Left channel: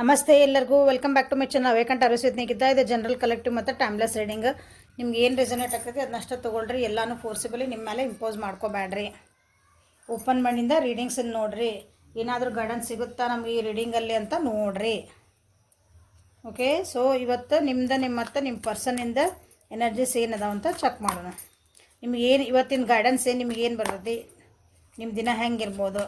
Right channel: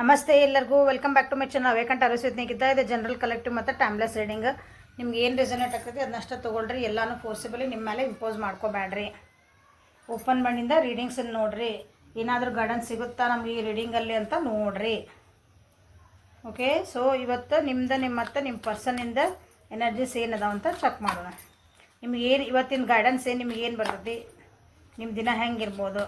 ನಮಸ್ತೆ ಎಲ್ಲರಿಗೂ welcome back to my channel ವೇಕಂಟ್ ಅರವಿಸ್ನೇಹಿತ ಇದೆ ಜನರಲ್ ಕಲೆಕ್ಟಿವ್ ಮತ್ತು ಟೈಮ್ಲೆಸ್ ರೀಡಿಂಗ್. ನಿಮ್ಗೆ ಏನು ರೆಸನೇಟ್ ಆಗ್ತೈತಿ ಅದನ್ನಷ್ಟು ತೊಗೊಳ್ರಿ. ಎಲ್ಲನೂ ಫೋರ್ಸಿಬಲಿ ನಿಮ್ಮ ಮೇಲೆ ಇಂಪೋಸ್ ಮಾಡ್ಕೋಬೇಡ್ರಿ. ಓಪನ್ ಮಣ್ಣಿಂದ ರೀಡಿಂಗ್ಸನ್ನು ನೋಡಿರಿ. ಏನಾದರೂ ಗೈಡೆನ್ಸ್ ಸಿಗುತ್ತಾ ನಮ್ಗೆ ಈ ರೀಡಿಂಗಲ್ಲಿ ಅಂತ ನೋಡಿರಿ. ಓಕೆ, ಸೊ ಇವತ್ತು ನಿಮ್ಮ ಪರ್ಸನಿಂದ ಎನರ್ಜೀಸ್ ಏನದಾವ ಅಂತ ಚೆಕ್ ಮಾಡೋಣ. ನಿಮ್ಗೆ ಏನು ಇವತ್ತಿನ ಗೈಡೆನ್ಸ್ ಏನು ನಿಮ್ಗೆ ಏನು ಬರ್ತೈತಿ, ನಿಮ್ಮ ದಿನ ಹೆಂಗಿರ್ಬೋದು.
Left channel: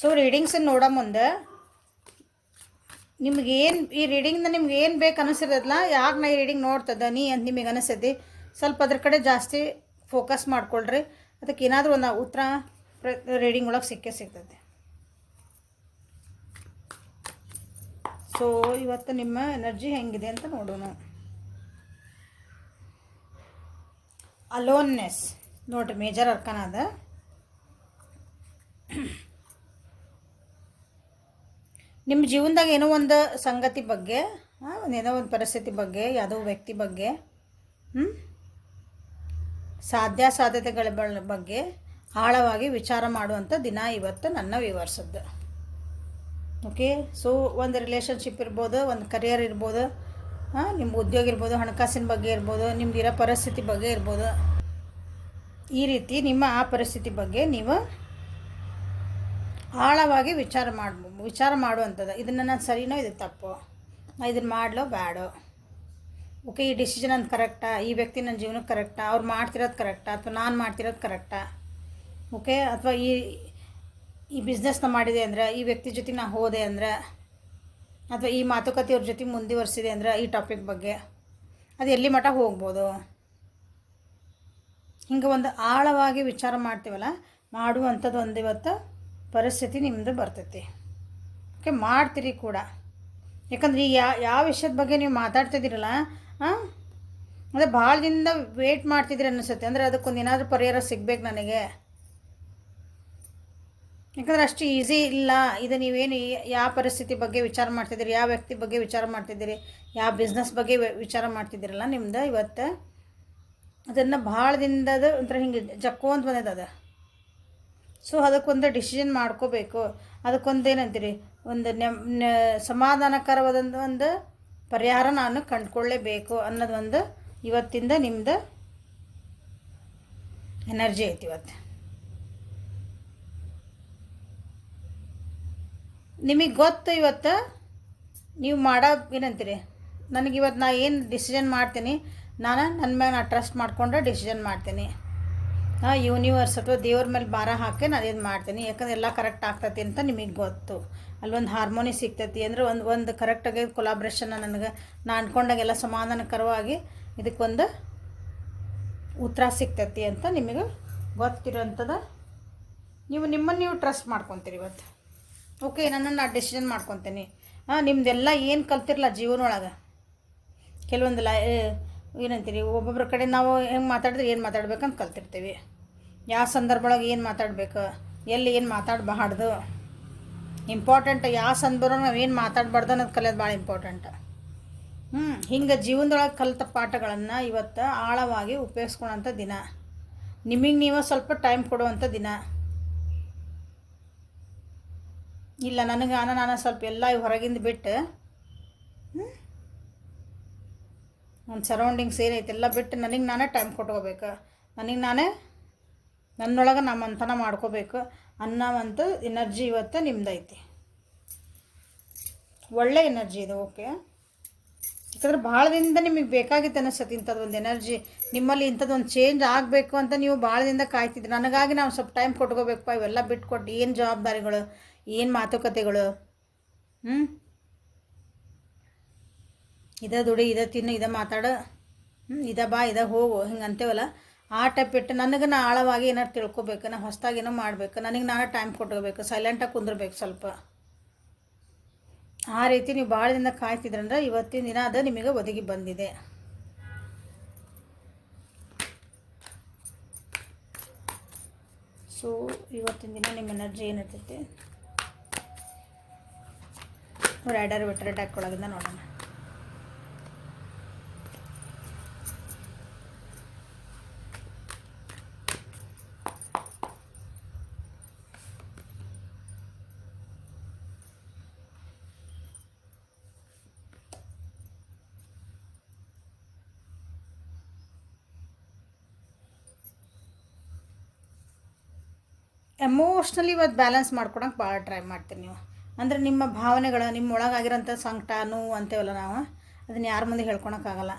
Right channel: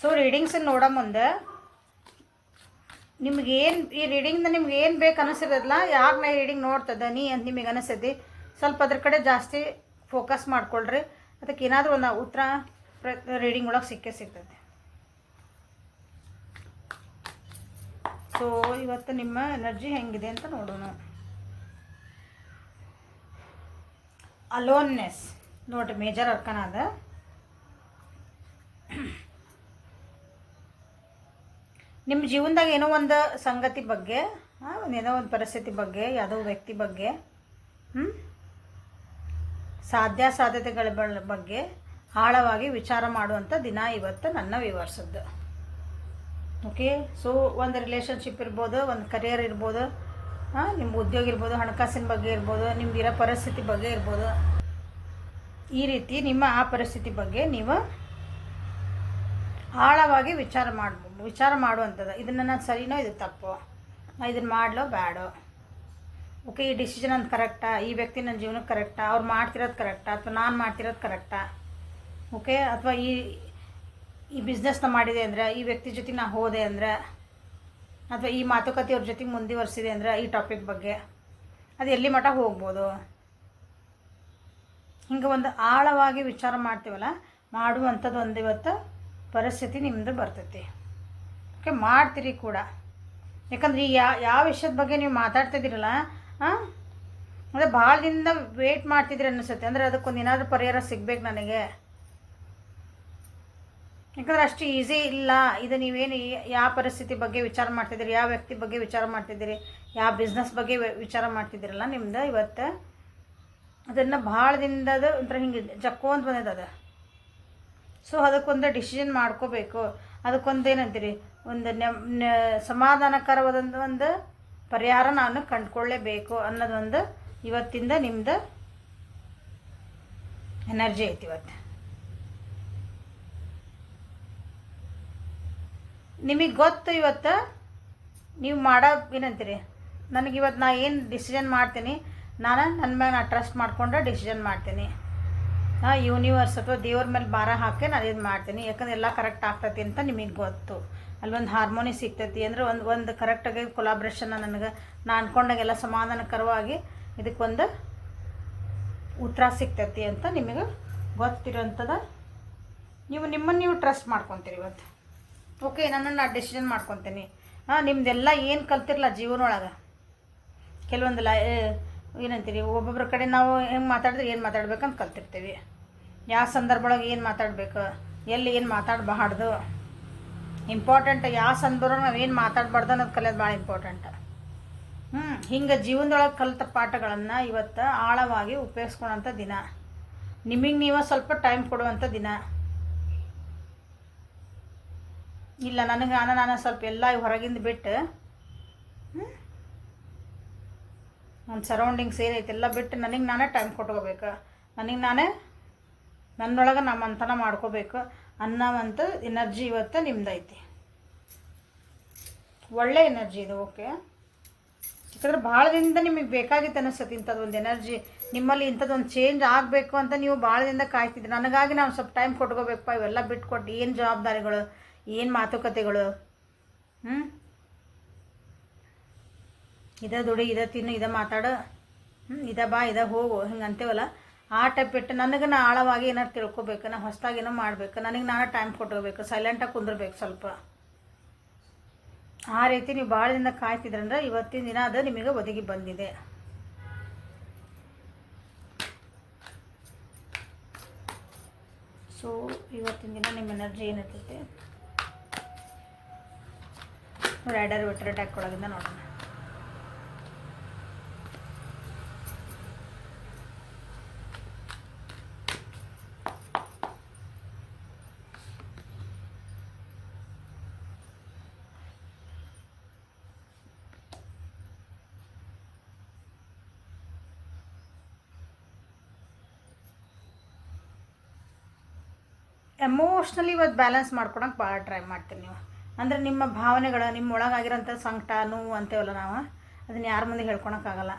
ಸೊ ರೀಡಿಂಗ್ಸನ್ನು ನೋಡೋ ಮುಂದೆ ನಿಮ್ಗೇನು ಈ ರೀಡಿಂಗ್ನ ನಿಮ್ಗೆ ಏನು ಬೇಕು ಅನಿಸಿರೋದಿಲ್ಲ, ಯಾಕೆ ನಾ ಈ ರೀಡಿಂಗ್ ನೋಡ್ತದ ಅಂತ ನಿಮಗೆ ಅನಿಸ್ತೈತಿ, ಸ್ವಲ್ಪ ಅದ್ರ ಕಡೆ ಜಾಸ್ತಿ ಫೋಕಸ್ ಮಾಡ್ಕೊಳ್ರಿ. ಅದಕ್ಕೆ ಏನಾದರೂ ಒಂದು ಉತ್ತರ ರೀಡಿಂಗ್ ಒಳಗೆ ಸಿಗ್ತೈತೆ. ಸೊ ಇವತ್ತು ನಿಮ್ಮ ಎನರ್ಜಿ ಹೆಂಗಿದೆ ಅಂತ ನೋಡೋಣ. ಅಲೋನ್ನೆಸ್ ನೋಡ್ರಿ, ಮೇಜರ್ ಅರ್ಕನ ಅದ. ನಿಮ್ಮ ಜೀವನದಾಗ ಏನೋ ಒಂದು ಸಂಗತಿ ಬಗ್ಗೆ, ಏನೋ ಒಂದು ಪರಿಸ್ಥಿತಿ ಬಗ್ಗೆ, ಯಾವುದೋ ವ್ಯಕ್ತಿ ಬಗ್ಗೆ, ಸಾಧ್ಯತೆಗಳ ಬಗ್ಗೆ ಆಳವಾಗಿ ವಿಚಾರ ಮಾಡುವಂಥ ದಿನ ಇವತ್ತು ನನ್ನ ವಿವರಿಸೋದು. ಓಕೆ, ಸೊ ಒಂದು ರಿಲೇಷನ್ಶಿಪ್ ಇರ್ಬೋದು, ಒಂದು ಕರಿಯರ್ ಇರ್ಬೋದು, ನಿಮ್ಮ ಉದ್ಯೋಗ ಇರ್ಬೋದು, ಹಣಕಾಸಿನ ಬಗ್ಗೆ ಇರ್ಬೋದು, ನಿಮ್ಗಿರೋ ಪರಿಸ್ಥಿತಿ ಬಗ್ಗೆ ಇರ್ಬೋದು. ಈ ರೀತಿ ನಿಮ್ಮ ಆ ಪರಿಸ್ಥಿತಿ ಬಗ್ಗೆ ನೀವು ಆಳವಾಗಿ ವಿಚಾರ ಮಾಡುವಂಥದ್ದು. ಇದನ್ನು ನಾನು ಸರಿನೋ ಇದು ತಪ್ಪು, ನಾನು ಇದನ್ನು ಮಾಡಲೋ ಬೇಡೋ, ಓಕೆ ಈ ಡಿಸಿಷನ್ ಅಂತ ಕರೆಕ್ಟಾ, ಈ ವ್ಯಕ್ತಿ ನನ್ನ ಜೀವನಕ್ಕೆ ಕರೆಕ್ಟಾ, ಅವ್ರು ಮಾಡ್ತಿರೋದು ಕರೆಕ್ಟಾ ಅಥವಾ ನಾನು ಮಾಡ್ತಿರೋದು ಕರೆಕ್ಟಾ, ಓಕೆ ಅಥವಾ ಈ ಬಿಸ್ನೆಸ್ನ ಮಾಡಿದೆ ಅಂದರೆ, ಈ ವ್ಯಕ್ತಿ ಜೊತೆ ನಾನು ಹೋದೆ ಅಂದರೆ, ಅಥವಾ ಈ ಮಾತುಕತೆ ಅವ್ರ ಜೊತೆ ಮುಂದುವರಿಸಿದೆ ಅಂದರೆ, ಈ ಟಾಪಿಕ್ ಬಗ್ಗೆ ಅದು ಎಲ್ಲಿ ಮಟ್ಟ ಹೋಗ್ಬೋದು. ಹಿಂಗೆ ಒಂದು ಆಳವಾಗಿ ವಿಚಾರ ಮಾಡ್ತೀವಲ್ಲ, ಮಾಡುವಂಥದ್ದು ಒಂದು ಇವತ್ತು ಪರಿಸ್ಥಿತಿ ನಿಮ್ಮದು ಬರ್ತೈತಿ. ಓಕೆ, ಮಾಡ್ತೀರಿ ಕೂಡ. ಯಾಕಂದ್ರೆ ಈ ಯಾವ ವಿಷಯದ ಬಗ್ಗೆ ನೀವು ಮಾತಾಡ್ತಿದ್ದೀರಲ್ಲ, ಅಂದರೆ ಭಾಳ ದಿನದಿಂದ ವೇಟ್ ಮಾಡ್ತಿದ್ರಿ ಅನ್ನಿಸುತ್ತೆ. ಅಂದರೆ ಅದಕ್ಕೊಂದು ಏನಾದರೂ ಪರಿಹಾರ ಸಿಗ್ಬೇಕು ನನಗೆ. ಯಾಕಂದ್ರೆ ಅಷ್ಟು ಈಸಿ ಇಲ್ಲ ಇದು. ನೀವೇನು ಯಾವ ಪರಿಸ್ಥಿತಿ ಬಗ್ಗೆ ವಿಚಾರ ಮಾಡ್ತಿದ್ದೀರಿ, ಯಾವ ವ್ಯಕ್ತಿ ಬಗ್ಗೆ ವಿಚಾರ ಮಾಡ್ತಿದ್ದೀರಿ, ಯಾವ ಬಿಸ್ನೆಸ್ ಬಗ್ಗೆ ವಿಚಾರ ಮಾಡ್ತಿದ್ದೀರಲ್ಲ, ನಿಮ್ದು ಇವತ್ತು ಅದನ್ನು ಭಾಳ ದಿನದ ಒಂಥರ ಹಿಂಗೆ ಜಕ್ಕೋ ಅಂತ ಬಂದದ. ಸೊ ಅದಕ್ಕೊಂದು ಡಿಸಿಷನ್ ಮಾಡ್ಕೋಬೇಕು. ಅದಕ್ಕೊಂದು ಏನಂತೀರಿ, ಒಂದು ಸಮಾಧಾನಕರವಾದಂಥ ಒಂದು ಪರಿಹಾರ ನಾನು ಕಂಡುಕೊಳ್ಳೇಬೇಕು ಅನ್ನೋದೊಂದು ಇವತ್ತಿಂದ ನಿಮ್ಮದು ಎನರ್ಜಿ ಐತಿ. ಇವತ್ತು ನಿಮಗೆ ಗೊತ್ತು, ಇವತ್ತು ನೀವು ಮಾಡೋ ಏನಂತೀರಿ, ನನಗಿವತ್ತು ನಾ ಏನು ಡಿಸಿಷನ್ ಮಾಡ್ತೀನಿ, ನನ್ನ ಮ್ಯಾಗ ನಾನು ಟ್ರಸ್ಟ್ ಮಾಡಿಕೊಂಡ್ರೆ ಡಿಸಿಷನ್ ಮಾಡ್ತೀನಿ. ಯೂನಿವರ್ಸ್ ಅಥವಾ ದೇವ್ರ ಮೇಲೆ ಭಾರ ಹಾಕಿ ನಾನು ಇದು ಮಾಡ್ತೀನಿ. ಯಾಕಂದ್ರೆ ಎಲ್ಲ ಕರೆಕ್ಟ್ ಆಗ್ತೈತಿ ಅಂತ ನಿಮಗೆ ಗೊತ್ತು. ಅಲ್ಲೊಂದು ಹಾರ್ಮೋನಿ ಸಿಗ್ತೈತಿ ಅಂದರೆ ಒಂದು ಕರೆಕ್ಟಾಗಿ ಕೊಲಾಬ್ರೇಷನ್ನ ನನಗೆ ನಾನು ಅಂದ್ಕೊಂಡಾಗೆಲ್ಲ ಸಮಾಧಾನಕರವಾಗಿ ಇದಕ್ಕೊಂದು ಉತ್ತರ ಸಿಗ್ತೈತಿ ಅಂತ ನಿಮಗೆ ಗೊತ್ತಿರೋಂಥದ್ದು. ನೀವು ಟ್ರಸ್ಟ್ ಮಾಡ್ಕೊತೀರಿ ಇವತ್ತು. ಓಕೆ, ನಾನು ಡಿಸಿಷನ್ ಮಾಡ್ಕೊತೀನಿ. ನಿಮ್ಮದೆಲ್ಲ ಏನು ಕಲ್ತಿರಲ್ಲ ಜೀವನೊಳಗೆ, ಕೆಲವೊಂದು ಏನಂತೀರಿ, ಒಬ್ಬೊಬ್ಬರ ಕಡೆ ನಾವು ಹೆಂಗೆ ಮಾತಾಡಿದ್ರೆ ಏನು ಮಾತಾಡ್ಬೇಕಂತ ಕಲ್ತಿರ್ತೀವಿ. ಯಾವ ಸಂದರ್ಭ ಒಳಗೆ ಏನು ಮಾತಾಡಬೇಕು, ಎಲ್ಲಿ ಏನು ಮಾತಾಡಬಾರ್ದು, ಇಂಪಾರ್ಟೆಂಟ್ ಯಾವ ಸಂದರ್ಭ ನಾವು ಏನು ಮಾತಾಡಬಾರ್ದು ಅನ್ನೋದು ಕಲಿಯೋದು ಭಾಳ ಇಂಪಾರ್ಟೆಂಟ್. ಹಿಂಗೆ ಜೀವನದೊಳಗೆ ಕಲಿತ ಪಾಠಗಳನ್ನು ಇವತ್ತು ಆಳವಾಗಿ ಉಪಯೋಗಿಸ್ಕೊಳ್ಳೋಂಥ ದಿನ. ನಿಮಗೆ ನೀವು ಸ್ವಲ್ಪ ಟೈಮ್ ಕೊಡುವಂಥ ದಿನ. ಇಲ್ಲ ನಾನು ಸ್ವಲ್ಪ ಎಲ್ಲ ಹೊರಗಿಂದ ಬಿಟ್ಟು ನನ್ನ ಸರೌಂಡಿಂಗ್ಸ್ ಏನೈತೆ ಎಲ್ಲ ಬಿಟ್ಟು ನನಗೆ ನಾನೇ ಟೈಮ್ ಕೊಟ್ಕೋಬೇಕು, ನನ್ನೊಳಗೆ ನಮ್ಮ ಮಂಥನ ಮಾಡ್ಕೋಬೇಕು ಅನ್ನೋವಂಥ ಎನರ್ಜಿ ಇವತ್ತು ನಿಮ್ದೈತಿ. ಒಳ್ಳೆ ಎನರ್ಜಿ ಇದು. ಓಕೆ, ಯಾಕಂದ್ರೆ ಭಾಳ ದಿನದಿಂದ ನಿಮಗೆ ಬೇಕಾಗಿತ್ತು ಅನಿಸ್ತದೆ ಇಂಥದ್ದೊಂದು ಎನರ್ಜಿ ನಿಮ್ಮಲ್ಲಿ. ಇಂಥದ್ದೊಂದು ಚೇಂಜ್ ಆಗಬೇಕು ಅಂತ ನೀವು ಭಾಳ ದಿನದಿಂದ ಕಾಯ್ತಿದ್ರಿ. ನನಗಾಗಿ ನಾವು ಸ್ವಲ್ಪ ಟೈಮ್ ಕೊಟ್ಕೋಬೇಕಪ್ಪ, ಇವೆಲ್ಲ ಬಿಟ್ಕೊಟ್ಟು ಏನು ಜವಾಬ್ದಾರಿಗಳು, ಏನು ಮಾತುಕತೆಗಳು, ಇದ ದುಡಿ, ಇದ ತಿನ್ನು, ಇದ ಮಾತಾಡು, ಇದ ಬಾ, ಇದ ಹೋಗು, ಹಿಂಗೆ ಅಂತೇವಲ್ಲ, ಆ ಟೈಪ್ ಬಿಟ್ಟು ನನಗೆ ನಾ ಆಳವಾಗಿ ಏನಾರು ತಿಳ್ಕೊಬೇಕು, ನಾ ಹೊಸದಾಗಿ ಏನೋ ಮಾಡಬೇಕು, ನನಗೆ ನಾನು ಟೈಮ್ ಕೊಟ್ಕೋಬೇಕು, ಸೈಲೆಂಟಾಗಿ ಕುಂದ್ರಬೇಕು ಸ್ವಲ್ಪ. ಆ ರೀತಿ ನೀವು ಭಾಳ ದಿನ ಕಾಯ್ತಿದ್ರಂದ್ರೆ ಇವತ್ತಿನ ದಿನ ಅದು ನಿಮಗೆ ಒದಗಿ ಬಂದಿದೆ. ಸೊ ಇವತ್ತಿನ ದಿನ ನಿಮ್ಮ ಎನರ್ಜಿ ಏನಿರ್ತೈತೆ ರೈಡರ್ ವಿಟ್ರ್ ಟ್ಯಾಕ್ ಒಳಗಿಂದ ನೋಡೋಣ. ಎಮೋಷ್ನಲಿ ಇವತ್ತು ಬ್ಯಾಲೆನ್ಸ್ ಮಾಡ್ಕೊಳಕ್ಕೆ ಭಾಳ ಟ್ರೈ ಮಾಡ್ತೀರಿ ನೀವು. ಅಂದರೆ ನಿಮ್ಮ ಭಾವನೆಗಳು, ನಿಮ್ಮ ಒಳಗಾಗಿರೋಂಥ ಸಂಕಟ ನೋವು ಅಂತೇವಲ್ಲ ನಾವು, ಅದನ್ನು ಯಾರ ಮುಂದೆ ಹೇಳ್ಕೊಳಕ್ಕಾಗಲ್ಲ.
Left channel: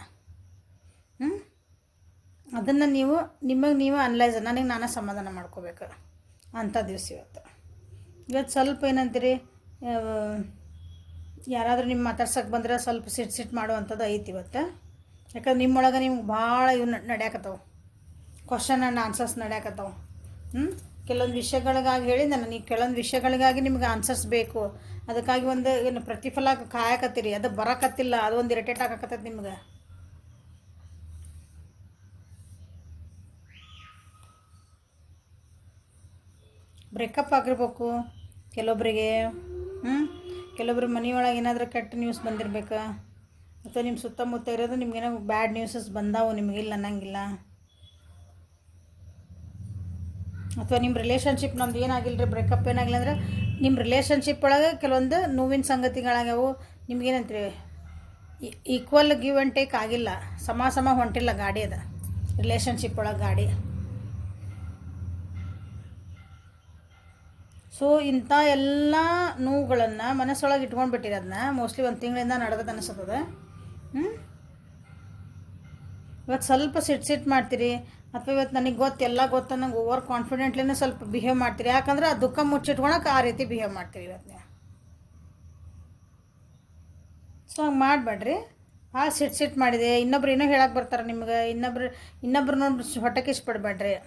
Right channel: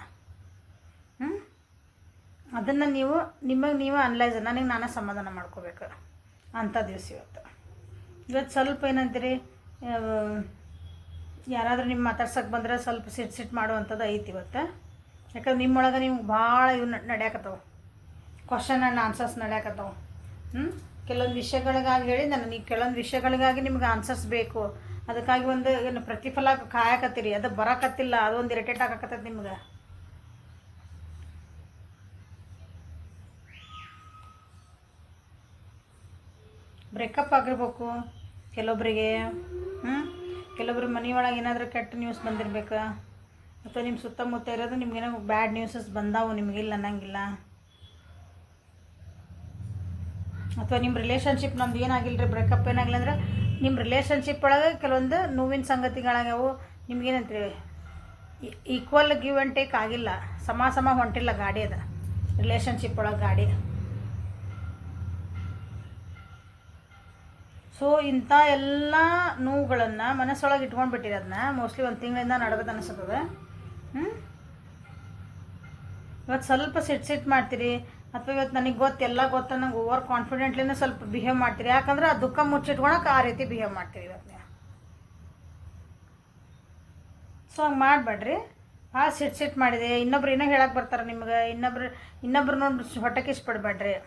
ಅದನ್ನು ನೀವು ನಿಮಗೆ ನೀವು ಅನಲೈಸ್, ನನಗೆ ನಾನೇ ಸಮಾಧಾನ ಮಾಡ್ಕೋಬೇಕು ಅಂಥ ದಿವಸ ಇವತ್ತು ಸ್ವಲ್ಪ ಏನಂತೀರಿ, ಯಾರಾದರೂ ನಿಮ್ಮ ಮಾತಾಡ್ಸೋಕೆ ಬಂದರೆ ಸ್ವಲ್ಪ ಸಿಟ್ಟು ಮಾಡುವಂಥದ್ದು ಐತಿ ಇವತ್ತು. ಯಾಕಂದ್ರೆ ನಿಮ್ಮೊಳಗೆ ನಿಮ್ಗೆ ಭಾಳ ಇವು ನಡೆಯಕತ್ತವು, ಕ್ವಶನ್ ಆ್ಯಂಡ್ ಆನ್ಸರ್ಸ್ ನಡೆಯಕತ್ತವು. ಕೆಲವೊಂದು ವಿಷಯಗಳಿಗಾಗಿ ಹೇಳಿ ನನಗೆ ಕೆಲವೊಂದು ವಿಷಯಗಳಿಗಾಗಿ ನಿಮ್ಗೆ ಆನ್ಸರ್ಸ್ ಬೇಕು, ಅದಕ್ಕಾಗಿ ಒಂದು ಏನು ಪ್ರತಿಫಲ ಕಾಯಕತ್ತೀರಿ, ಅದು ಬರಕತ್ತಿಲ್ಲ, ಅದೊಂದು ಇರಿಟೇಟ್ ಆಗಕತ್ತೈತೆ ನಿಮ್ಗೆ. ಬ್ರೇಕಪ್ ಆಗಿರ್ಬೇಕು ಕೆಲವೊಬ್ಬರಿಗೆ, ಕೆಲವೊಬ್ರು ಮನೆಯೊಳಗೆ ಏನಾದರೂ ಕೆಟ್ಟ ನ್ಯೂಸ್ ಬಂದಿರ್ಬೇಕು, ಅಥವಾ ನಿಮ್ಮ ಸುತ್ತಮುತ್ತ ಇರೋದು ನಿಮ್ಗೇನೋ ಬ್ಯಾಡ್ ನ್ಯೂಸಸ್ ಬಂದಾವು, ನಿಮಗಿಲ್ಲ ಅನ್ನಂಗಿಲ್ಲ. ಅಥವಾ ನಿಮ್ಮ ರಿಲೇಷನ್ಶಿಪ್ ನಮ್ದು ಏನಾಗಿಲ್ಲ ರೀ, ಬ್ರೇಕಪ್ ಏನಾಗಿಲ್ಲ ಅಂದ್ರೆ ನಿಮ್ಮ ರಿಲೇಷನ್ಶಿಪ್ ಒಳಗೆ ಕೆಲವೊಂದು ನೋವಿನ ಸಂಗತಿಗಳಾಗ್ಯಾವು. ನಿಮ್ಗೇನಂತೀವಿ, ಈಕ್ವಲ್ ಗಿವ್ ಆ್ಯಂಡ್ ಟೇಕ್ ಆಗಿಲ್ಲ, ಸಮ ಹೊಂಟಿಲ್ಲ ಗಾಡಿ, ಅದು ರಿಲೇಷನ್ಶಿಪ್ ಒಳಗೆ ಗಾಡಿ. ಸೊ ಇಂಥ ಎಲ್ಲ ನೋವುಗಳನ್ನು ಮನಸ್ಸೊಳಗೆ ಇಟ್ಕೊಂಡು ಬಿಟ್ಟಿರಿ, ಅದನ್ನ ಮೋಸ್ಟ್ಲಿ ಒಂದು ತಿಂಗಳಿಂದ ನಡೆದದ್ದು ಅನಿಸ್ತದೆ. ಇವತ್ತು ಸ್ವಲ್ಪ ಸಿಟ್ಟು ಮಾಡ್ತೀರಿ, ಅಥವಾ ಇವತ್ತು ನನಗೆ ಎಲ್ಲ ಗೊತ್ತ ನಂಗೆ ಓವರ್ ಕಾನ್ಫಿಡೆಂಟ್ಲಿನೇ ಸ್ವಲ್ಪ ಬಿಹೇವ್ ಮಾಡ್ತೀರಿ. ಯಾಕಂದ್ರೆ ಆ ದುಃಖ ಮುಚ್ಚಿಟ್ಕೊಳಕ್ಕೆ ಆ ರೀತಿ ಬಿಹೇವ್ ಮಾಡ್ತೀರಿ ಇವತ್ತು ನೀವು. ಸೊ ಹಂಗೆ ಮಾಡಬೇಡ್ರಿ. ಸಿಟ್ಟು ಮಾಡಿದೆ, ಇನ್ನೊಬ್ರು ಏನೋ ಹೇಳಕ್ಕೆ ಬರ್ತಾರೆ ನಿಮ್ಗೆ, ಇನ್ನೊಬ್ರು ನೋಡಿ ಹೊಟ್ಟೆಗೆ ಇಷ್ಟಪಡಬೇಡ್ರಿ,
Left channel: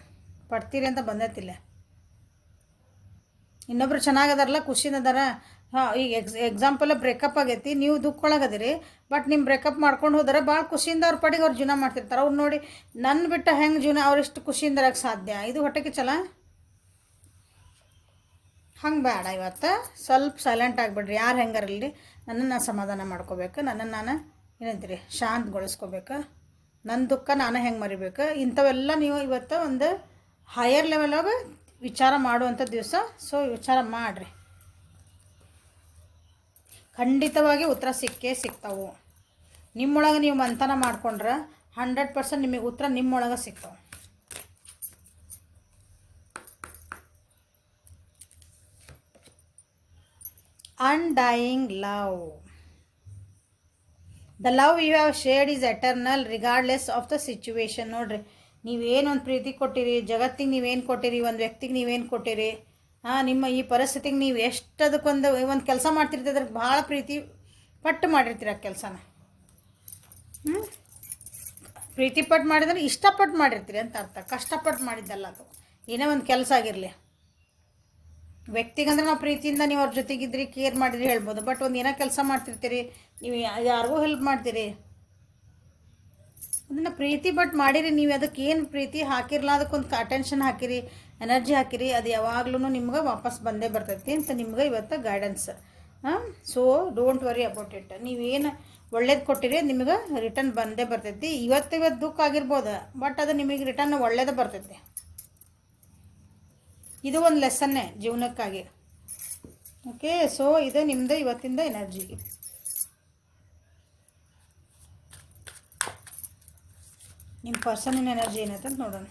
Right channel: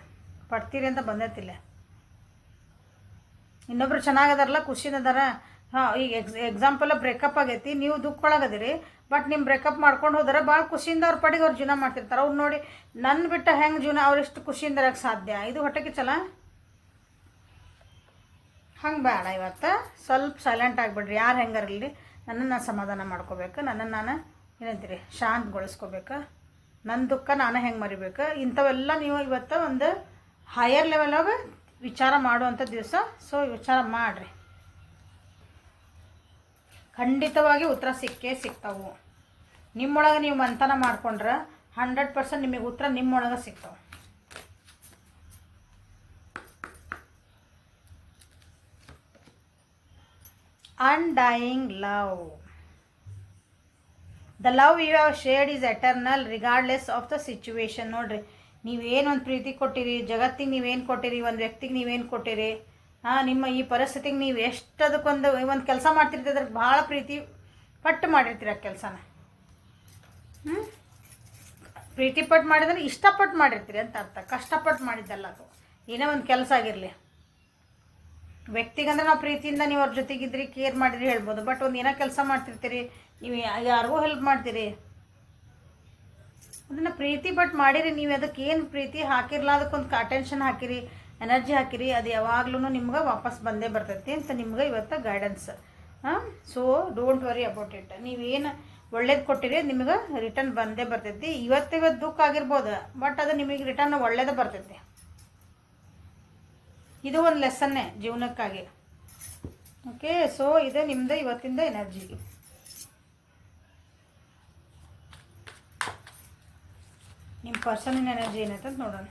ಪಡ್ತೀರಿ ಅಂತ ಬಂದೈತಿಲ್ಲ. ಇನ್ನೊಬ್ರು ಚೆನ್ನಾಗದಾರಲ್ಲ, ಖುಷಿನ ಅದಾರ. ಈಗ ಎಕ್ಸಾಂಪಲ್ ಬ್ರೇಕಪ್ ಆಗೈತಿ, ನೀವು ದುಃಖೊಳಗದಿರಿ, ಬಟ್ ನಿಮ್ಮ ಬ್ರೇಕಪ್ ಮಾಡ್ಕೊಂಡು ಹೋದರೆ ಭಾಳ ಖುಷಿಯಿಂದ ಅವ್ರ ಪಡಿಗೆ ಅವ್ರು ಜೀವನ ಮಾಡ್ತಿರ್ತಾರೆ. ಅವ್ರು ನೋಡಿ ನನ್ನ ಬಿಟ್ಟ ಹೆಂಗೆ ಜೀವನ ಅವರೆಷ್ಟು ಖುಷಿಯಿಂದ ಇರೋಕ್ಕೆ ಸಾಧ್ಯ, ಇದು ಹೊಟ್ಟೆಗೆ ಚಲ. ಹಂಗೆ ಬೇಡ. ಇವತ್ತು ಸ್ವಲ್ಪ ಸೈಲೆಂಟ್ ಆಗಿಬಿಡ್ರಿ, ಯಾರು ಹೆಂಗಾರಿಲ್ಲ, ನನ್ನನ್ನು ನಾನು ಸಮಾಧಾನ ಮಾಡ್ಕೋಬೇಕು, ನನ್ನನ್ನು ನಾನು ಏನಂತೀರಿ ಶಾಂತಗೊಳಿಸ್ಕೋಬೇಕು, ನನ್ನ ದುಃಖ ನಾನು ಹೆಂಗೆ ಮರಿಬೇಕು, ಇಂಥವೆಲ್ಲ ನೀವು ಇವತ್ತು ಒಂದು ಹೈಯರ್ ಲೆವೆಲಾಗ ವಿಚಾರ ಮಾಡುವಂಥ ದಿವಸ. ಸೊ ವಿಚಾರ ಮಾಡಿರಿ, ಖಂಡಿತವಾಗಿ ಉತ್ತರ ಸಿಗ್ತಾವು. ನಿಮ್ಮೊಳಗೆ ನೀವು ಮಂಥನ ಮಾಡ್ಕೊಂಡ್ರೆ 100% ನಿಮಗೆ ಉತ್ತರ ನಿಮ್ಮೊಳಗೆ ಸಿಗ್ತಾವೆ. Undying love. The love you have shared is eternal regardless of the situation. ನೋಡ್ರಿ, ನೀವೇನೊಂದು ಪ್ರೀತಿ ಕೊಟ್ಟಿರಿ, ಜಗತ್ತಿಗೆ ನೀವೇನು ಕೊಟ್ಟಿರಿ, ಒಂದು ವ್ಯಕ್ತಿಗೆ ನೀವೇನು ಕೊಟ್ಟಿರಿ, ನಿಮ್ಮ ಈ ಪರಿಸ್ಥಿತಿಗೆ ನೀವು ಎಷ್ಟು ಒಂದು ಕೆಲಸ ಮಾಡ್ತಿರ್ತೀರಿ, ಅದ್ರಿಗೆ ಭಾಳ ಪ್ರೀತಿ ಪಟ್ಟು ಮಾಡಿರ್ತೀರಿ ಆ ಕೆಲಸನ. ಪ್ರೀತಿ ಪಟ್ಟು ಮಾಡಿದ್ರೆ ಇಷ್ಟಪಟ್ಟು ಮಾಡಿರ್ತೀರಿ ಅಂತ ಅರ್ಥ, ಕಷ್ಟಪಟ್ಟು ಮಾಡಿದ್ದಲ್ಲ ಅದು. ಏನೇ ಒಂದು ಕೆಲಸ ಆಗಿರಲಿ, ವ್ಯಕ್ತಿಗಂದ್ರೆ ನಾವು ಪ್ರೀತಿಯಿಂದ ನೀವು ಅವ್ರ ಜೊತೆಗಿದ್ರಿ, ಕೇರ್ ಮಾಡಿದ್ರಿ ಹೇಳ್ಬೋದು. ಬಟ್ ಒಂದು ಏನೋ ಕೆಲಸ ಮಾಡ್ತಿರ್ತೀರಿ, ನೀವು ಯಾರಿಗೂ ಹೆಲ್ಪ್ ಮಾಡ್ತೀರಿ, ಅದನ್ನು ಪ್ರೀತಿ ಪಟ್ಟು ಮಾಡಿರಿ. ನೀವು ಅದಕ್ಕೆ ಏನು ಪ್ರೀತಿ ಹಾಕಿರಲ್ಲ, ಅದಕ್ಕೊಂದು ಅಟೆನ್ಷನ್ ಹಾಕಿರಿ, ಎನರ್ಜಿ ಹಾಕಿರಿ, ಅದು ಯಾವಾಗ್ಲೂ ನಿಮ್ಗೆ ವಾಪಸ್ ಬಂದೇ ಬರ್ತೈತಿ ಅಂತ ನಿಮ್ಗೆ ಇವತ್ತು guidance. So don't worry about it. ನೀವೇನು ಒಳ್ಳೇದು ಕೊಟ್ಟಿರಿ ನಿಮ್ಗೆ ರಿಟರ್ನ್ ಬಂದೇ ಬರ್ತೈತಿ. ಇವತ್ತು ದುಃಖ ಆಗಿರ್ಬೋದು, ಬಟ್ ಅದು ನಿಮಗೆ ರಿಟರ್ನ್ ಒಳ್ಳೇದು ಬರ್ತೈತಿ. ಇದು ಒಂದು ಲೆಸನ್ನೇ ಜೀವನಕ್ಕಾಗಿ. ಓಕೆ, ಸೊ ಇದು ನಿಮ್ಮದು ಇವತ್ತಿಂದ ಎನರ್ಜಿ. ನಿಮ್ಮ ಪರ್ಸನಿನ ಎನರ್ಜಿ ಏನೈತೆ ಅಂತ ನೋಡೋಣ.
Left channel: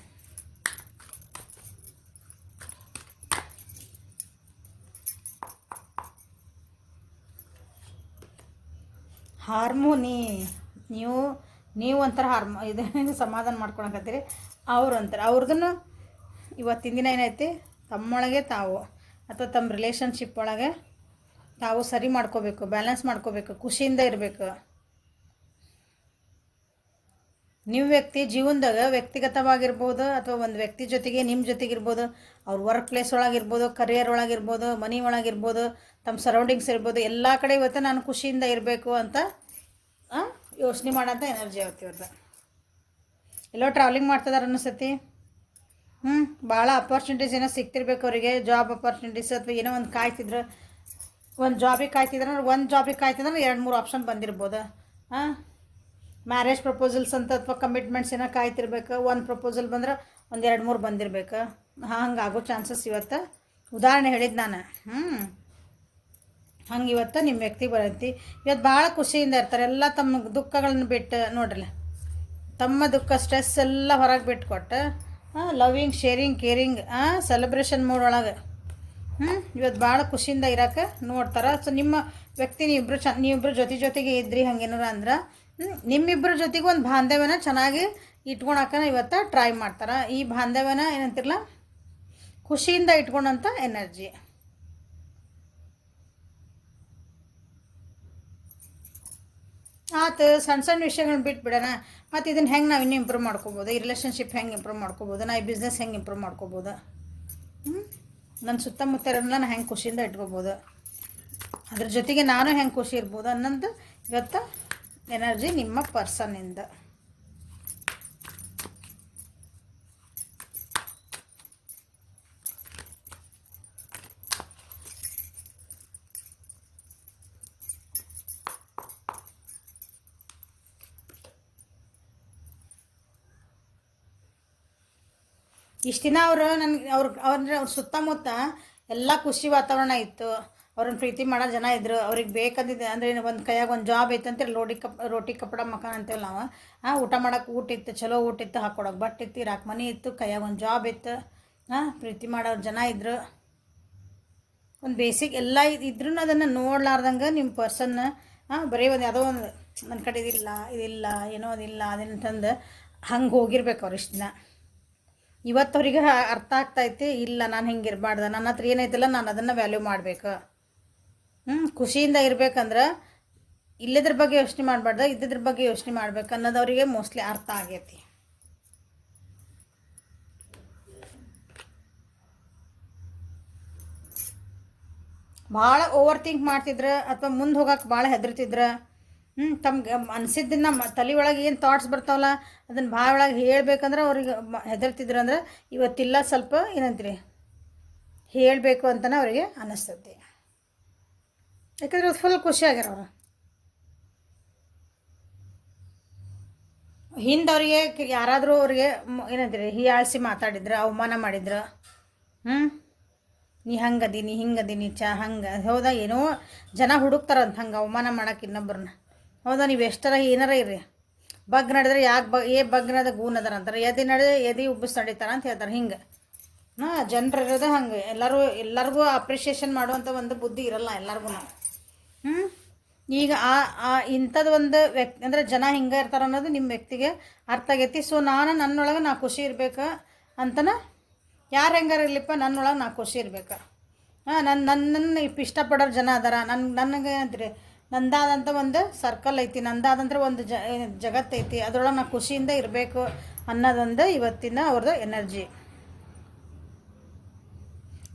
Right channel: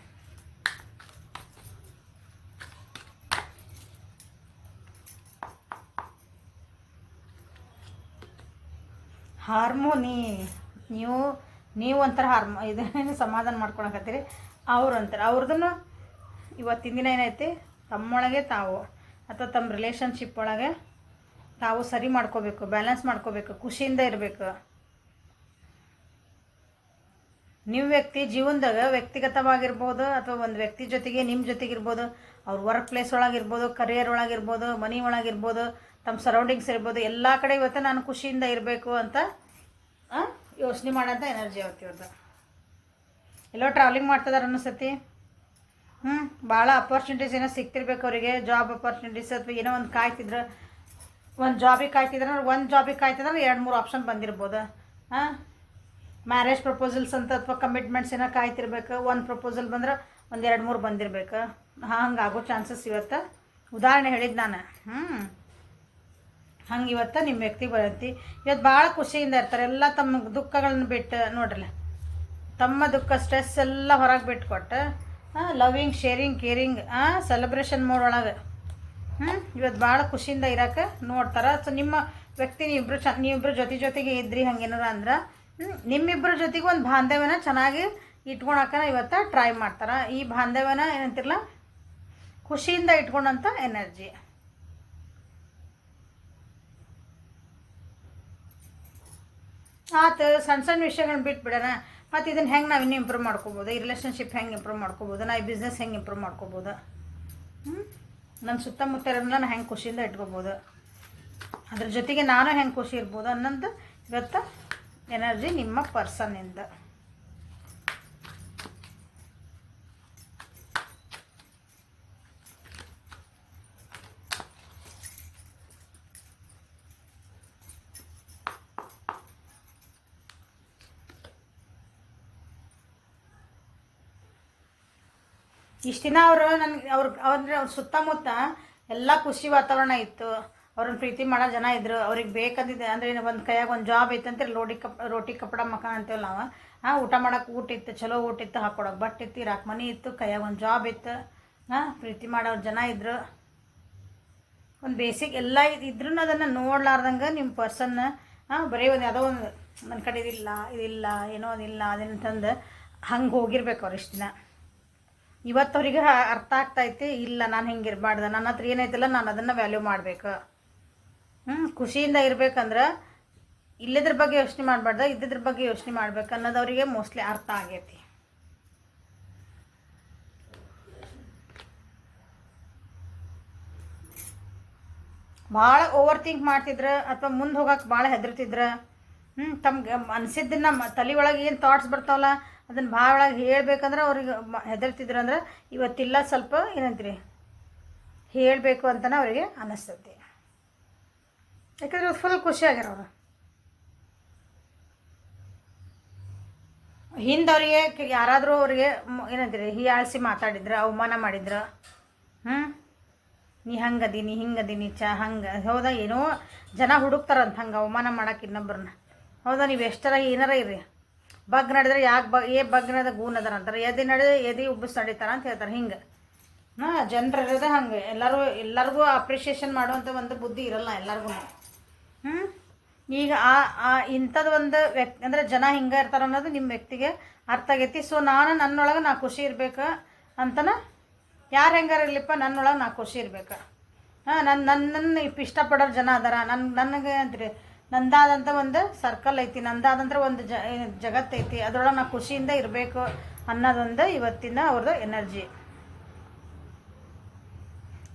ಹಾರ್ಮೋನಿ. ನೀವು ಒಂಥರ ಇದನ್ನ ಸಮಾಧಾನ ಮಾಡ್ಕೊಳಕತ್ತೀರಿ, ಅವ್ರು ಅಂತಾರೆ. ಅವ್ರದನ್ನು ಇವತ್ತಿನ ದಿನ ಏನೈತಿ, ತಮ್ಮೊಳಗೆ ತಾವು ಅಥವಾ ತಮ್ಮ ರಿಲೇಷನ್ಶಿಪ್ ಒಳಗೆ ತಾವು ಸರಿ ಮಾಡ್ಕೋಬೇಕು, ಬ್ಯಾಲೆನ್ಸ್ ಮಾಡ್ಕೋಬೇಕು, ಖುಷಿಯಿಂದ ಇರಬೇಕು. ನಿಮ್ಮ ವ್ಯಕ್ತಿ ಜೀವನದಾಗ ವ್ಯಕ್ತಿಗತವಾಗಿರ್ಬೋದು, ಅಥವಾ ಒಂದು ವ್ಯಕ್ತಿ ಜೊತೆಗೆ ನಿಮ್ಮ ಜೊತೆಗಿರ್ಬೋದು, ಅವ್ರ ವರ್ಕ್ ಪ್ಲೇಸ್ ಒಳಗಿರ್ಬೋದು, ಕರಿಯರ್ ಒಳಗಿರ್ಬೋದು, ಮನೆ ಒಳಗಿರ್ಬೋದು, ತಮ್ಮ ಸರೌಂಡಿಂಗ್ಸ್ ಇರ್ಬೋದು, ಎಲ್ಲ ಕಡೆ ಇವತ್ತು ನಾನು ಖುಷಿಯಿಂದ ಇರಬೇಕು ಅಂತ ಯೋಚನೆ ಮಾಡೋಂಥ ಎನರ್ಜಿ ಇವ್ರದ್ದು. ಎಲ್ಲೋ ಟ್ರಾವೆಲಿಂಗ್ ಮಾಡ್ತಿದಾರೆ ಅನ್ನಿಸ್ತೈತಿ. ಭಾಳ ಅಪರ್ಚುನಿಟೀಸ್ ಏನೋ ಸಿಗ್ತಿರ್ಬೇಕು ಅವರಿಗೆ, ಜಾಬ್ ಅಪರ್ಚುನಿಟೀಸ್, ಅಥವಾ ಏನೋ ಒಂದು ಕಾಯ್ತಿದ್ರೆ, ಒಂದು ಜಾಬಿಗೆ ಕಾಯ್ತಿದ್ರೆ 2-3 ಆಪ್ಷನ್ ಬಂದಿರ್ಬೋದು. ಮ್ಯಾರೇಜ್ ಪ್ರಪೋಸಲ್ಸ್ ಅಂತ ಅಥವಾ ಕಮಿಟ್ಮೆಂಟ್ಸ್ ಏನೋ ಕಾಯ್ತಿರ್ಬೇಕು, ಒಂದು ಪ್ರಪೋಸಲ್ ಬಂದ್ರೆ 1-2-3 ಬಂದಿರ್ಬೇಕು. ಹಂಗೆ ಆಗೋ ಚಾನ್ಸಸ್ ಇವತ್ತು ಉದಾಹರಣೆ ಹೇಳಿದ್ದು ನಾನು. ಹಂಗೆ ಇವತ್ತು ನಿಮ್ಮ ವ್ಯಕ್ತಿ ಬರತ್ತಿ ಇವತ್ತು ಭಾಳ ಖುಷಿಯಿಂದ ಇರ್ತಾರೆ. ಎಲ್ಲ ತಮ್ಮ ದುಃಖಗಳನ್ನ ಬಿಟ್ಟು ನೋಡ್ರಲ್ಲ, ತಮ್ಮ ದುಃಖ ಸ್ಟ್ರೆಸ್ ಎಲ್ಲ ಹೊರಗೆ ಬಿಟ್ಕೊಟ್ಟು loving sharing caring celebration mood ಒಳಗೆ ಇವತ್ತು ಭಾಳ ಖುಷಿಯಿಂದ ಇರೋಕೆ ನೋಡ್ತಾರೆ. ಸೊ ನಿಮ್ಮ ವ್ಯಕ್ತಿ ನೀವಿಬ್ಬರು ಜೊತೆಗೆ ಇದ್ರಿ ಹಂಗೇನಾರ ಅಂದ್ರೆ ನಿಮ್ಮಿಬ್ಬರ ಜೊತೆಗೆ ಒಂದು ಬಾಂಧವ್ಯನ ಚೆನ್ನಾಗಿ ಇಟ್ಕೊಳಕ್ಕೆ ಇವತ್ತು ಟ್ರೈ ಮಾಡ್ತಾರೆ. ಈ ಬಾಂಧವ್ಯನ ಏನಂತಿರಲ್ಲ ಖುಷಿಯಿಂದ ಇಟ್ಕೊಂಡಂಥ ಎನರ್ಜಿ. ಆತು ಸಣ್ಣ ವಿಷಯಗಳನ್ನ ಬಿಟ್ಬಿಡೋಣ. ಮತ್ತು ಇದನ್ನು ಹೆಂಗೆ ನಾವು ಇನ್ನೂ ಇಂಪ್ರೂವ್ ಮಾಡ್ಕೋಬೋದು, ಈ ರಿಲೇಷನ್ಶಿಪ್ ಹೆಂಗೆ ಇಂಪ್ರೂವ್ ಮಾಡ್ಕೋಬೋದು, ನಾ ಈ ಬಿಸ್ನೆಸ್ ಹೆಂಗೆ ಇಂಪ್ರೂವ್ ಮಾಡ್ಕೋಬೋದು, ನನ್ನ ಸುತ್ತಮುತ್ತ ಇರೋದನ್ನ ನಾನು ಹೆಂಗೆ ಖುಷಿಯಿಂದ ಇಟ್ಕೋಬೋದು, ಅದ್ರ ಜೊತೆಗೆ ನಾನು ಹೆಂಗೆ ಖುಷಿ ಇರ್ಬೋದು ಅನ್ನೋದು ಇವತ್ತು ಎನರ್ಜಿ ನಿಮ್ಮ ಪರ್ಸನ್ನಿಂದ. ಇಷ್ಟು ದಿನ ಅವರು ನನಗೆ ಅಂದರೆ ಅವ್ರ ಸುತ್ತಮುತ್ತ ಎಲ್ಲ ಖುಷಿ ವಾತಾವರಣ ಇತ್ತು. ಅವ್ರನ್ನ ಪ್ರೀತಿ ಮಾಡೋ ಜನ ಇದ್ದರು. ಅವ್ರಿಗೆ ಬೇಕಂದಿದ್ದೆ ಅಂದರೆ ಒಂದು ಕೈಯಾಗ ಒಂದು ಜಾಬ್ ಐತೆ ಅಂತೇಳಿ ರೋಟಿ ಕಪ್ಪಡ ಮಕಾನ್ ಅಂತೇಳಿ ನಾವು ಊಟ ಮಾಡೋಕೆ ಊಟ ಇತ್ತು, ಚಲೋ ಊಟ ಇತ್ತು, ಹಾಕ್ಕೊಡೋಕೆ ಬಟ್ಟೆ ಇತ್ತು, ಇರಾಕೆ ಮನೆ ಇತ್ತು, ಕೈಯಾಗ ಒಂದು ಜಾಬ್ ಇತ್ತು, ಪ್ರೀತಿ ಮಾಡೋರು ಜನ ಇದ್ದರು. ಒಂದು ಬೇಸಿಕ್ ಎಲ್ಲ ಇದ್ರೂ ಅದನ್ನು ನೋಡ್ಲಾರ್ದಂಗೆ ನಿಮ್ಮ ಪರ್ಸನ್ನ ಬರೀ ಒಂದು ಯಾವುದೋ ಒಂದು ನನ್ನ ಕಡೆ ಇದಿಲ್ಲ ಏನೋ ಅದಿಲ್ಲ ಅದೇನಂತಂದು ಹಂಗೆ ಹೋಗಿರ್ಬೇಕು ಅವ್ರು ಇಷ್ಟು ದಿನ. ಇವತ್ತವ್ರಿಗೆ ಅರ್ಥ ಆಗ್ತೈತಿ, ಇಲ್ಲ ನಾನು ಹಿಂಗೆ ಇರಬಾರ್ದು, ನನ್ನ ಹತ್ರ ಏನೈತಿಲ್ಲ ನಾನು ಅದನ್ನು ವ್ಯಾಲ್ಯೂ ಮಾಡಬೇಕು. ಖುಷಿಯಿಂದ ಇರ್ಬೇಕಂದ್ರೆ ಇಲ್ಲದ್ರ ಬಗ್ಗೆ ಯೋಚನೆ ಮಾಡಬಾರ್ದು, ಇದ್ದಿದ್ರ ಬಗ್ಗೆ ಯೋಚನೆ ಮಾಡ್ಬೇಕು ಅನ್ನೋದು ಅವರಿಗೆ ಮೋಸ್ಟ್ಲಿ ಅರ್ಥ ಆಗೈತಿ. ಭಾಳ ಓವರ್ ಥಿಂಕ್ ಮಾಡ್ತಿದ್ರೆ ಅಥವಾ ಮುಂದೆ ಹೋಗಕ್ಕೆ ಭಾಳ ಹೆದರ್ತಿದ್ರೆ ತಮ್ಗೆ ಅನಿಸಿದ್ದನ್ನು ತಲೆ ಒಳಗೆ ಏನು ಥಾಟ್ಸ್ ಬರ್ತಾವಲ್ಲ ಅದನ್ನು ಭಾಳ ಒಳಗೆ ಹೇಳ್ಬೇಕಂದ್ರೆ ಅವ್ರಿಗೆ ಹೆದರ್ತಿದ್ರು. ಅಂದ್ರೆ ಇವತ್ತಿಲ್ಲ ಸ್ವಲ್ಪ ಏನಂತೀರಿ ಹೇಳಬೇಕು ಅಂತಲೇ ಅವರಿಗೆ ಅನ್ನಿಸ್ತೈತಿ. ಯಾಕಂದ್ರೆ ಫುಲ್ ಖುಷಿಯಾಗ್ಯಾರ ಅವರು. ಹಿಂದೆ ಅವರಿಗೆ ಯಾರಾದರೂ ಅವ್ರಿಗೆ ಏನಂತೀರಿ ಹೀಯಾಳಿಸಿ ಮಾತಾಡಿದ್ರೆ, ಅವಮಾನ ಮಾಡಿದ್ರು, ನೀ ಹಂಗದಿ ನೀ ಹಿಂಗದೀನಿ ಹಂಗೆ ಹೌದಾ, ಏನೋ ಜನ ಹುಡುಕ್ತಾರಂತ ಹಂಗೆ ಅವಮಾನ ಮಾಡೋಕೆ ಇನ್ನೊಬ್ಬರನ್ನ. ಹೌದಾ, ನೀವು ಎಷ್ಟರ ಏನಾರ ಇರ್ರಿ, ಬಗ್ ನಡೆದ್ರೆ ಯಾಕೆ ಬಗ್ನದ ಗೂನ್ ಅದಾರ ಅಂತಾರೆ, ಎದಿ ನಡೆದ್ರೆ ಎದಿ ಉಬ್ಬಿಸಿ ನಡೀತಾರ ಅಂತ ಹೇಳ್ತಾರೆ. ಹಿಂಗೆ ಜನರು ಇರೋದೇ ಹಂಗೆ. ಎಲ್ಲರಿಗೂ ಅಪ್ರಿಷಿಯೇಷನ್ ಮಾಡುವಂಥ ಒಂದು ಬುದ್ಧಿ ಇರಲ್ಲ ಎಲ್ಲರಿಗೂ. ಈಗ ಇಂಥದ್ದು ಒಂದು ವ್ಯಕ್ತಿ ಅಂದರೆ ಜನ ಹಿಂಗೆ ಇರ್ತಾರೆ ಅನ್ನೋದು ನಿಮ್ಮ ವ್ಯಕ್ತಿಗೆ ಅರ್ಥ ಆಗೈತಿ. ಸೊ ನನ್ನೊಳಗೆ ನಾ ಖುಷಿ ಇರ್ಬೇಕು ಅಂತನ, ಯಾರು ಹೆಂಗಾರ ಇರ್ಲಿಪ್ಪ ನನ್ನೊಳಗೆ ನಾ ಖುಷಿ ಇರ್ಬೇಕು. ನನ್ನನ್ನು ಇಷ್ಟಪಡೋರು ಜನ ಅದಾರ, ನನಗೆ ಅಂತೀರಿ ನಂದಾದಂಥ ಒಂದು ಸರ್ಕಲ್ ಐತಿ, ನಂದಾದಂಥ ಒಂದು ಜಗತ್ತೈತಿ, ಅದರೊಳಗೆ ನಾ ಖುಷಿಯಿಂದ ಇರಬೇಕು ಅನ್ನೋದೊಂದು ಇವತ್ತಿನ ಅವ್ರದ್ದು ಎನರ್ಜಿ.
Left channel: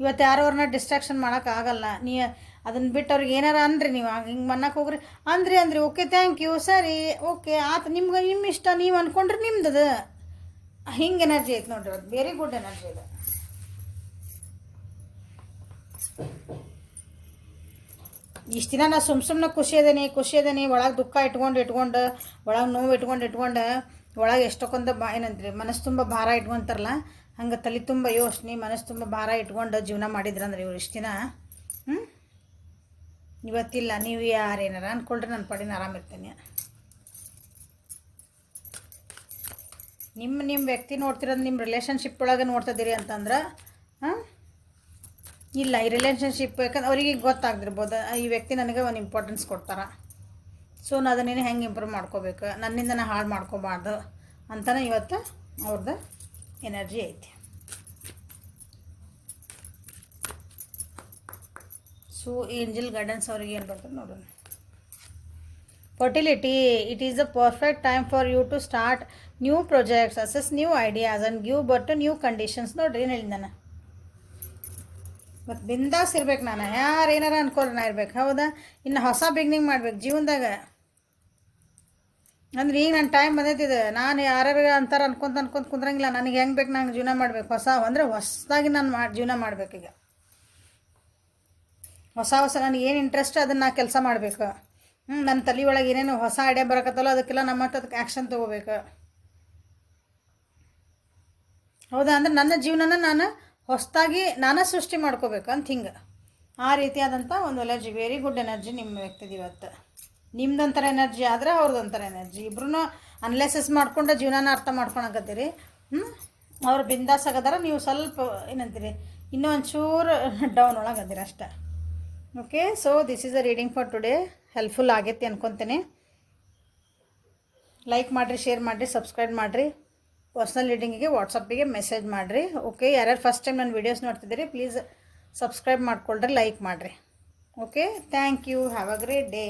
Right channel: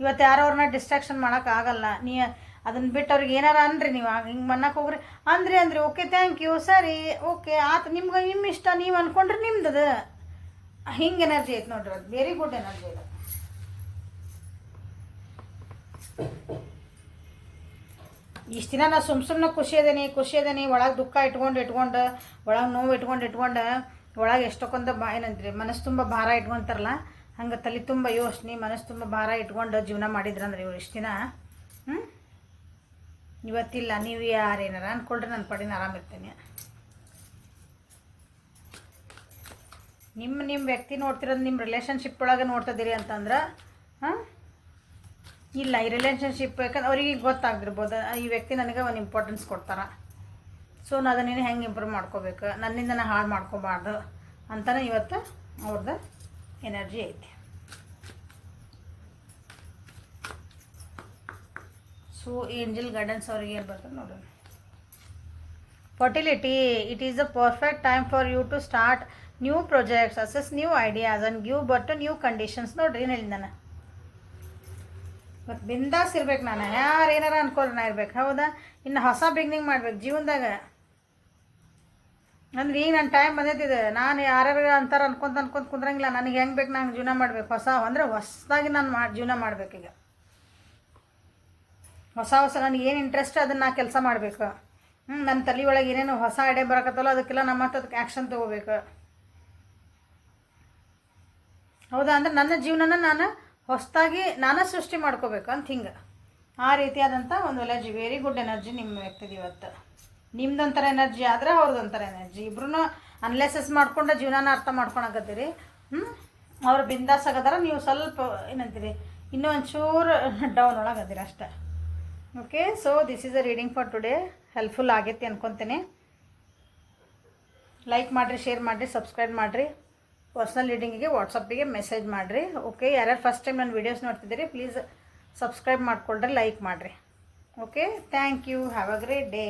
ಇವತ್ತು ಯಾರೋ ಅವ್ರನ್ನ ಡಿಸ್ಟ್ರಾಕ್ಷನ್ ಮಾಡೋಕ್ಕಾಗಲ್ಲ. ಅದನ್ನು ಬಿಟ್ಟು ಅವ್ರಿಗೆ ಏನಾರ ಅಂದ್ರಿ, ನೀವು ಹಿಂಗೆ ಮನ್ನಕ್ಕೆ ಹೋಗ್ರಿ ಅಂದ್ರಿ ಓಕೆ ಥ್ಯಾಂಕ್ ಯು ಸರಿ ಓಕೆ ಆತು, ನಿಮ್ಮ ಇಷ್ಟ ನೀವು ಅಂದ್ಕೊಂಡ್ರೆ ನಿಮ್ದು ಹಿಂಗೆ ಎನರ್ಜಿ ಐತೆ ನೋಡ್ರಿ. ಅದು ವೆರಿ ಗುಡ್ ಎನರ್ಜಿ ಇದೆ. ಇಷ್ಟು ದಿನ ನಾ ಸುಮ್ಮನೆ ಖುಷಿ ಅದೇನಿ ಒಳಗೆ ದುಃಖ ಇಟ್ಕೊಂಡು ಒಳಗೆ ನೋವು ಇಟ್ಕೊಂಡು ಒಳಗೆ ಎಷ್ಟೊಂದು ಏನಂತ್ರಿ ಮನಸ್ಸು ತುಂಬ ಭಾರ ಇಟ್ಕೊಂತಾರಲ್ಲ, ಹಂಗೆ ತಲೆ ತುಂಬ ಯೋಚನೆ ಮನಸ್ಸು ತುಂಬ ಭಾರ ಇಟ್ಕೊಂಡು ಜೀವನ ಮಾಡಿದ್ರಂದ್ರೆ ಇವ್ರು ಇಷ್ಟು ದಿನ ಇವತ್ತಿಲ್ಲ. ನೀವು ಯಾರೇನಾರ ಅಂದ್ಕೊಳ್ರಿ, ನನ್ನ ಪಡಿನ ಆರಾಮಿರ್ತೀನಿ. ನಿಮ್ಮ ವ್ಯಕ್ತಿ ನೋಡ್ತಿರೋದು ನಿಮ್ಮ ರಿಲೇಷನ್ಶಿಪ್ ಒಳಗೆ ನೋಡ್ತಿದ್ದೀರಿ ಅಂತಂದ್ರೆ ಇಲ್ಲ, ಈ ರಿಲೇಷನ್ಶಿಪ್ ಯಾಕಂದ್ರೆ ಅವರಿಗೆ ಗೊತ್ತಾಗ್ದಿರ್ಬೋದು ಈ ವ್ಯಕ್ತಿ ನನಗೆ ಒಂದು ಇಂಪಾರ್ಟೆನ್ಸ್ ಕೊಡ್ತಾರೆ. ಸೊ ನಾನು ಅದನ್ನೇನು ಹೆಂಗೆ ಇಂಪ್ರೂವ್ ಮಾಡ್ಕೋಬೇಕು, ನನ್ನಿಂದ ನಾನು ಹಾಳು ಮಾಡ್ಕೋಬಾರ್ದು ಅಂತಲೇ ಇವತ್ತು ಅವ್ರದ್ದು ಎನರ್ಜಿ ಐತಿ. ಸೊ ಏಂಜಲ್ ಗೈಡೆನ್ಸ್ ಅವ್ರಿಗೆ ಏನು ಬರ್ತದೆ ನೋಡೋಣ. Fertility, it is a perfect time for you to start new projects, assess new ideas and give birth to new conditions. ನೋಡ್ರಿ ಏನು ಹೇಳಿದ ನಾನು, ಮತ್ತು ಬಿಂದಾಸ್ ಇರ್ಬೇಕು. ನಾನು ಯಾರು ಏನಾರ ಅನ್ಕೊಳ್ಳಿ ನಾ ಇರ್ಬೇಕು. ಹೌದಾ, ಇನ್ನು ಹೊಸ ಬಿಗ್ನಿಂಗ್ ಮಾಡ್ಬೇಕು ಜೀವನದಾಗ. ಅಂದ್ರೆ ಈಗ ನನ್ನ ಟೈಮ್ ಬಂದೈತಿದೆ, ನಾನು ಯಾರ್ಯಾರು ಅಂತಾರೆ ಅನ್ಕೊಂತ ಕುಂದ್ರಂಗಿಲ್ಲ. ನನಗೆ ಹೆಂಗೆ ಬೇಕು ನಂಗೆ ಜೀವನ ಮಾಡ್ಬೇಕು. ಹೊಸದಾಗಿ ನಾನು ಜೀವನ ಮಾಡ್ಬೇಕೀಗ. ಹೊಸ ನನಗೆ ಏನು ಇಂಟ್ರೆಸ್ಟ್ ಅದನ್ನು ನಾ ಕೆಲಸ ಮಾಡಬೇಕು. ನನ್ನ ತಲೆ ಒಳಗೆ ಏನೇನು ಹೊಸ ಐಡಿಯಾ ಬರಕತ್ತಲ್ಲ ಅದಕ್ಕೆಲ್ಲ ನಮ್ಮ ಹತ್ರ ಅದಕ್ಕೆ ಆ್ಯಕ್ಷನ್ ತೊಗೋಬೇಕು. ಹೌದಾ, ಅಂದ್ರೆ ನನ್ನ ಜೀವನನ ನಾನು ಹೊಸದಾಗಿ ನಾನು ಸೃಷ್ಟಿ ಮಾಡ್ಕೋಬೇಕು ಅಂತ ಹಿಂಗೆ ಆ ರೀತಿಯಾದಂಥ ಒಂದು ಎನರ್ಜಿ, ವೆರಿ ಗುಡ್ ಎನರ್ಜಿ ನಿಮ್ಮ ವ್ಯಕ್ತಿಗೆ ಇವತ್ತು. ನಿಮ್ದೊಂಥರ ಎನರ್ಜಿ ಆದರೆ ಅವ್ರದ್ದೊಂಥರ ಎನರ್ಜಿ. ಇಬ್ರು ಅನಲೈಸಿಸ್ ಮಾಡ್ಕೊಂಡು ಜೀವನನ ಅರ್ಥ ಮಾಡ್ಕೊಳಕತ್ತೀರಿ. ಅವ್ರು ಬಿಂದಾಸ್ ಆಗದಾರ, ನೀವು ಸ್ವಲ್ಪ ಏನಂತೀರಿ ಇನ್ನೂ ಒಂಚೂರು ಡೌನ್ ಒಳಗೆ ಅದಿರ ಅಷ್ಟೆ. Okay, so this is a reading for today. Helpful ಆಗೈತಿ ಅನ್ಕೊತೀನಿ. ಲೈಕ್ ಮಾಡಿರಿ, ಶೇರ್ ಮಾಡಿರಿ, ಸಬ್ಸ್ಕ್ರೈಬ್ ಮಾಡಿರಿ. ಪರ್ಸ್ನಲ್ ರೀಡಿಂಗಿಗೆ ವಾಟ್ಸಪ್ಪಿಗೆ ಮೆಸೇಜ್ ಮಾಡಿರಿ. ಓಕೆ, ಯಾರ್ಯಾರು ಫಸ್ಟ್ ಟೈಮ್ ನನ್ನ ವೀಡಿಯೋಸ್ ನೋಡ್ತಿದ್ದೀರಿ ಪ್ಲೀಸ್ ಸಬ್ಸ್ಕ್ರೈಬ್ ಮಾಡ್ಕೊಳ್ರಿ, ಲೈಕ್ ಮಾಡಿರಿ. Okay, thank you. Have a great day.